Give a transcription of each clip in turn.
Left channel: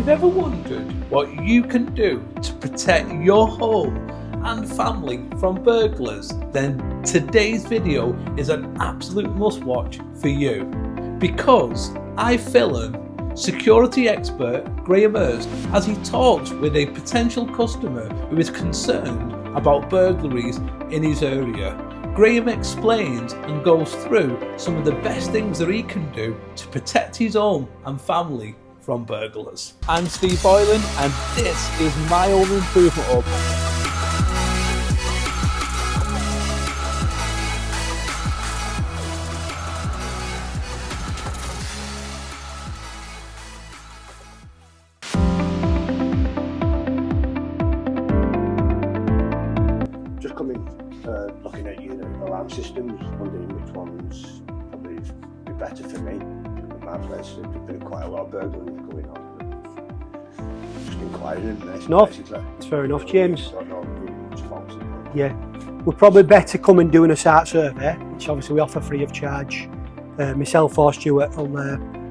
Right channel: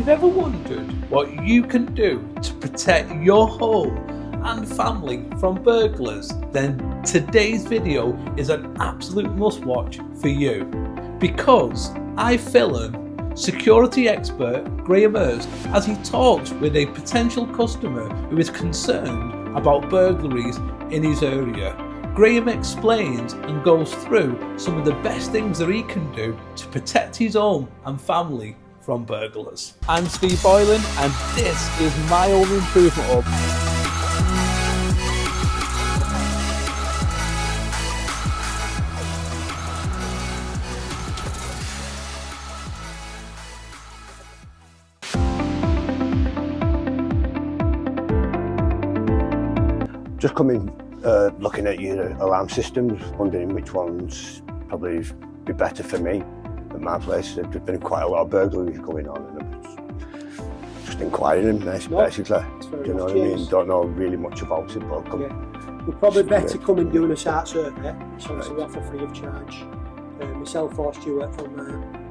you've ever wondered what you can do to protect your home and family from burglars, then today's video is an absolute must-watch for you, because I film security expert Graham Hurst as he talks with a potential customer who is concerned about burglaries in his area. Graham explains and goes through some of the best things that he can do to protect his home and family from burglars. I'm Steve Boylan and this is my Home Improvement Hub. Just coming, looking at your alarm systems, wondering which ones probably be better for me at my place. There's been quite a lot of burglaries going on, and I'm just inquiring, basically. It's fair enough, James. Don't know really much about it, but yeah, we're probably better come and doing a site survey, which obviously we offer free of charge. Myself or Stuart will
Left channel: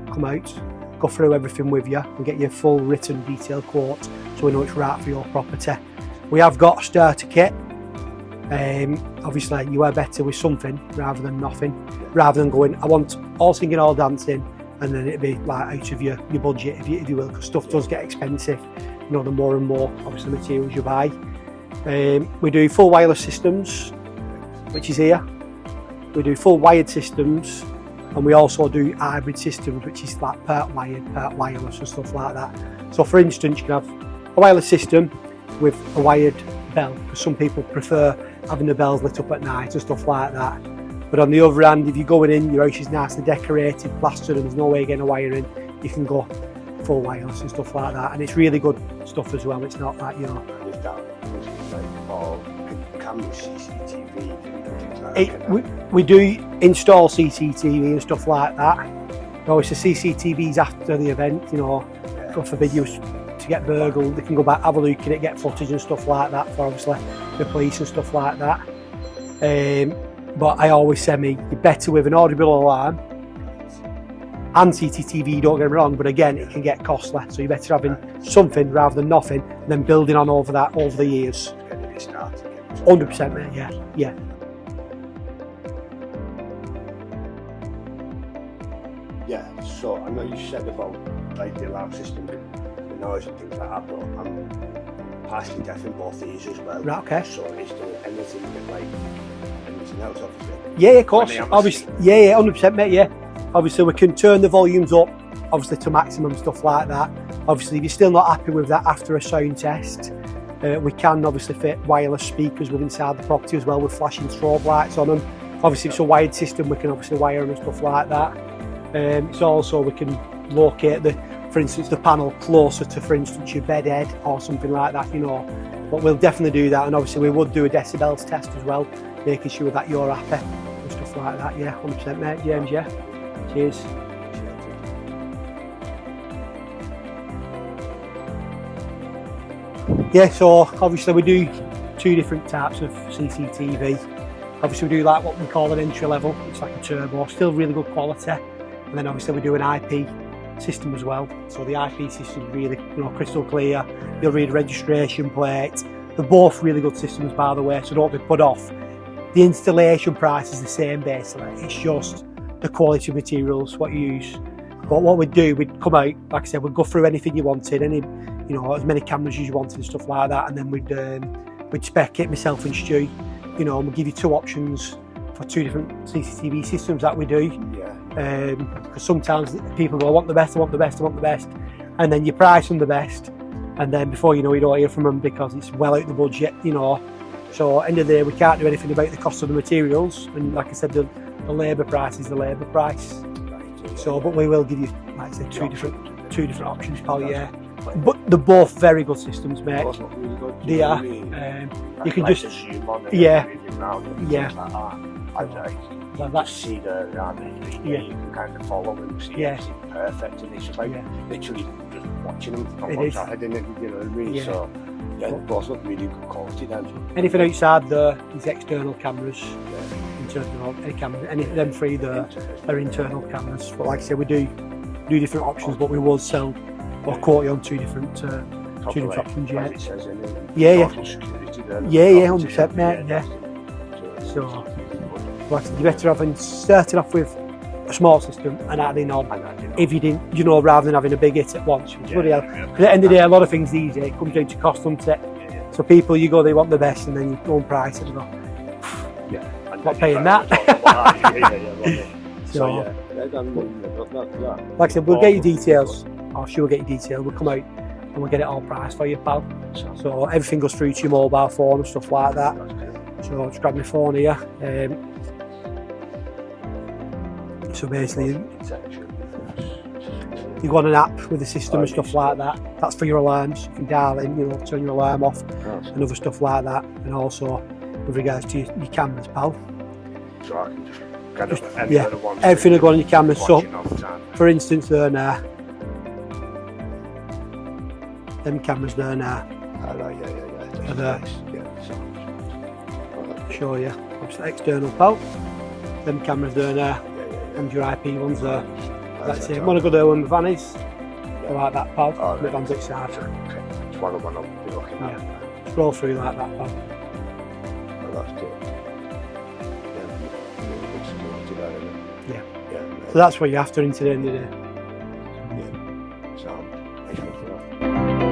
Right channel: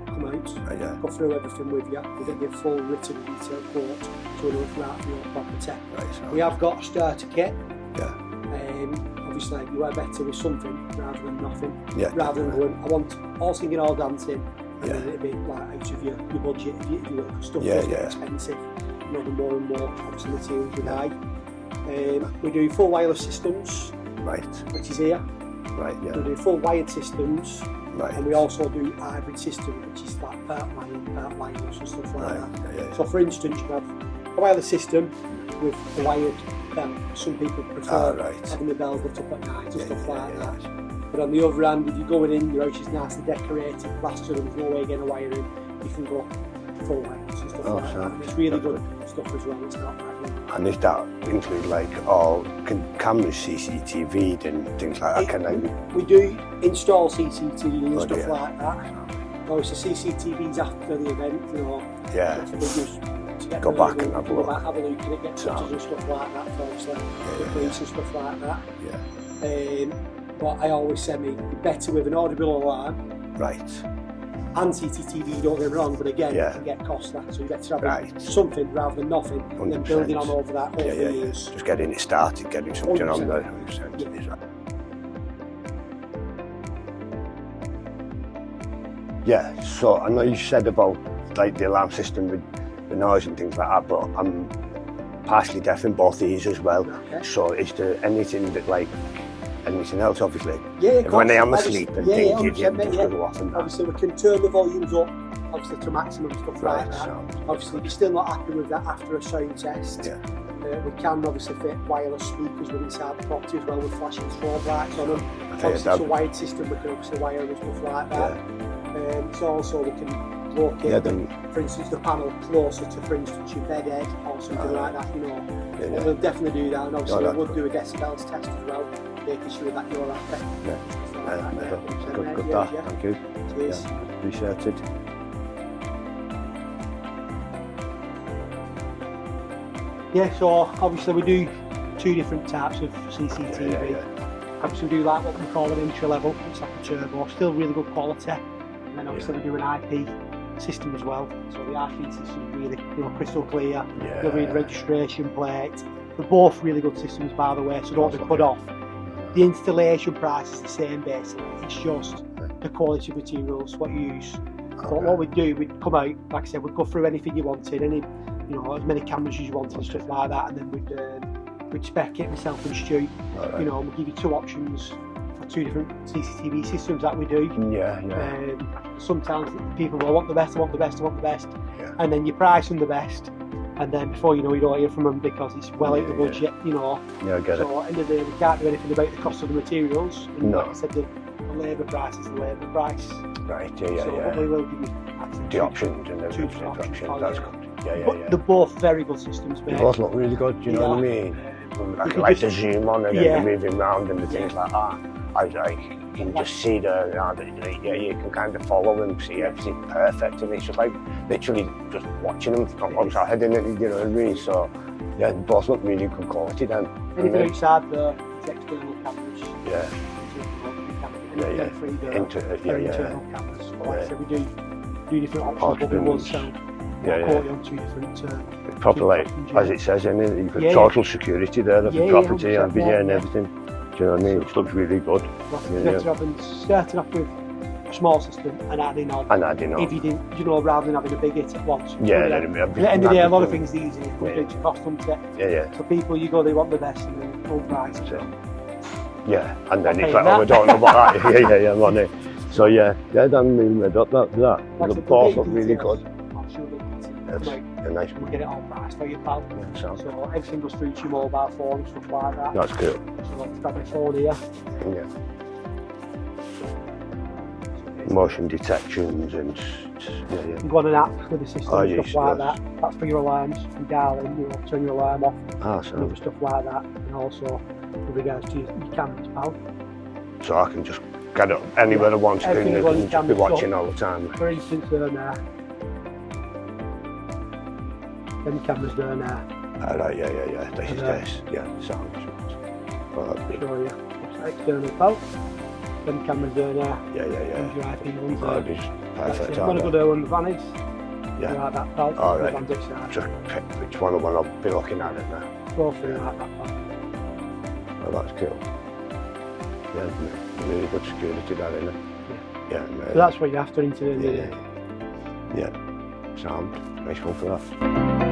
come out, go through everything with you and get you a full written detailed quote so we know it's right for your property. Right. We have got a starter kit. Obviously you are better with something rather than nothing, rather than going I want all singing all dancing and then it'd be like out of your budget if you will, because stuff does get expensive, you know, the more and more obviously materials you buy. We do full wireless systems, which is here. We do full wired systems, and we also do hybrid systems, which is like part wired, part wireless and stuff like that. So for instance, you can have a wireless system with a wired bell, because some people prefer having the bells lit up at night and stuff like that. But on the other hand, if you're going in, your house is nicely decorated, plastered, and there's no way getting a wire in, you can go full wireless and stuff like that. And it's really good stuff as well. It's not like, you know. And is that include like all cameras, CCTV and things like that? We do install CCTV and stuff like that. No, it's the CCTVs after the event, you know. God forbid you to get burgled, they can go back, have a look at it, get footage and stuff like that for obviously the police and stuff like that. But I always say you're better with an audible alarm. And CCTV, don't get me wrong, but again, it can get costly, so you're better having something rather than nothing, and then building on over that over the years. Just getting it started, getting something 100%, yeah. Yeah, so I know you said about like the alarm system with the noise and things like that, but I'm partially deaf in both ears as well. So is there anything that like anything else, obviously? Yeah, of course. Obviously, 100%, mate. Yeah. Obviously, we can turn the volumes up, obviously to maximum, stuff like that. Obviously, if you're still not happy with that after a sound test, we can obviously fit wireless speakers within inside the property as well with flashing strobe lights on them. Obviously, it's a wired system. We can obviously wire and stuff like that. It's also we can locate for instance, the panel closer to, for instance, your bed head or something like that, you know. But we'll definitely do that, and obviously we would do a decibels test as well, making sure that you're happy and stuff like that. 100%, mate. Cheers. Appreciate it. Yeah, so obviously we do two different types of CCTV. Obviously we do like what we call an entry level, it's like a turbo, still really good quality. And then obviously we do an IP system as well. So the IP system is really, you know, crystal clear. You'll read registration plate. They're both really good systems, by the way, so don't be put off. The installation price is the same basically. It's just the quality of materials, what you use. But what we'd do, we'd come out, like I said, we'd go through anything you wanted, any, you know, as many cameras as you wanted and stuff like that, and then we'd spec it, myself and Stu, you know, and we'll give you two options for two different CCTV systems that we do. Because sometimes people go, I want the best, and then you price them the best, and then before you know, you don't hear from them because it's well out the budget, you know. So at the end of the day, we can't do anything about the cost of the materials, and like I said, the labour price is the labour price. But we will give you, like I said, two different options, but they're both very good systems, mate. They both look really good, do you know what I mean? You can just zoom on and then moving around and things like that. You can just see you can kind of follow them, see everything perfect, and it's just like literally just watching them on what's happening, you know what I mean? So they both look really good quality then. Anything outside there is external cameras. Any of them three there are internal cameras. But like I say, we do different options, but we will sell I've caught you on two different It's probably like, options, as it says in it, you've got Yeah, total security there, the property, everything and everything. Do you know what I mean? It looks really good. Like you're better having starting off with a small system and adding on. If you didn't, you know, rather than having a big hit at once. Yeah. At the end of the day, a lot of things these days come down to cost, doesn't it? Yeah. So people, you go, they want the best, and then you own price and go. Yeah, and then paying you that. we don't know about that. yeah, money. So yeah, then we got that. Like I said, we'll get you details. I'll sure get you details. We'll come out nice. and we'll get it all priced for you, pal. So So everything goes through to your mobile phone and stuff like that. that's cool. So I'll just grab my phone here. So basically, Motion detections and you go on an app with the system and stuff like yes. that. That's for your alarms. You can dial in, you know, turn your alarm off and other stuff like that. And also with regards to your cameras, pal. So I can just get up anywhere I want to. Everything will go on your cameras. So, watching all the time. for instance, there now. Them cameras there now. Right, yeah. This. Yeah, sounds. Show you. Obviously external, pal. Them cameras there now. Yeah. And your IP ones there. That's Perfect. it. Want to go there on the vannies? Yeah. Like that, pal. All right. On this side. So pick which one I want to be looking at. Scroll through like that, pal. Oh, that's cool. Yeah, really good security there, isn't it? Yeah. So that's what you're after into the end of the day. Yeah. Sound. Nice one for that.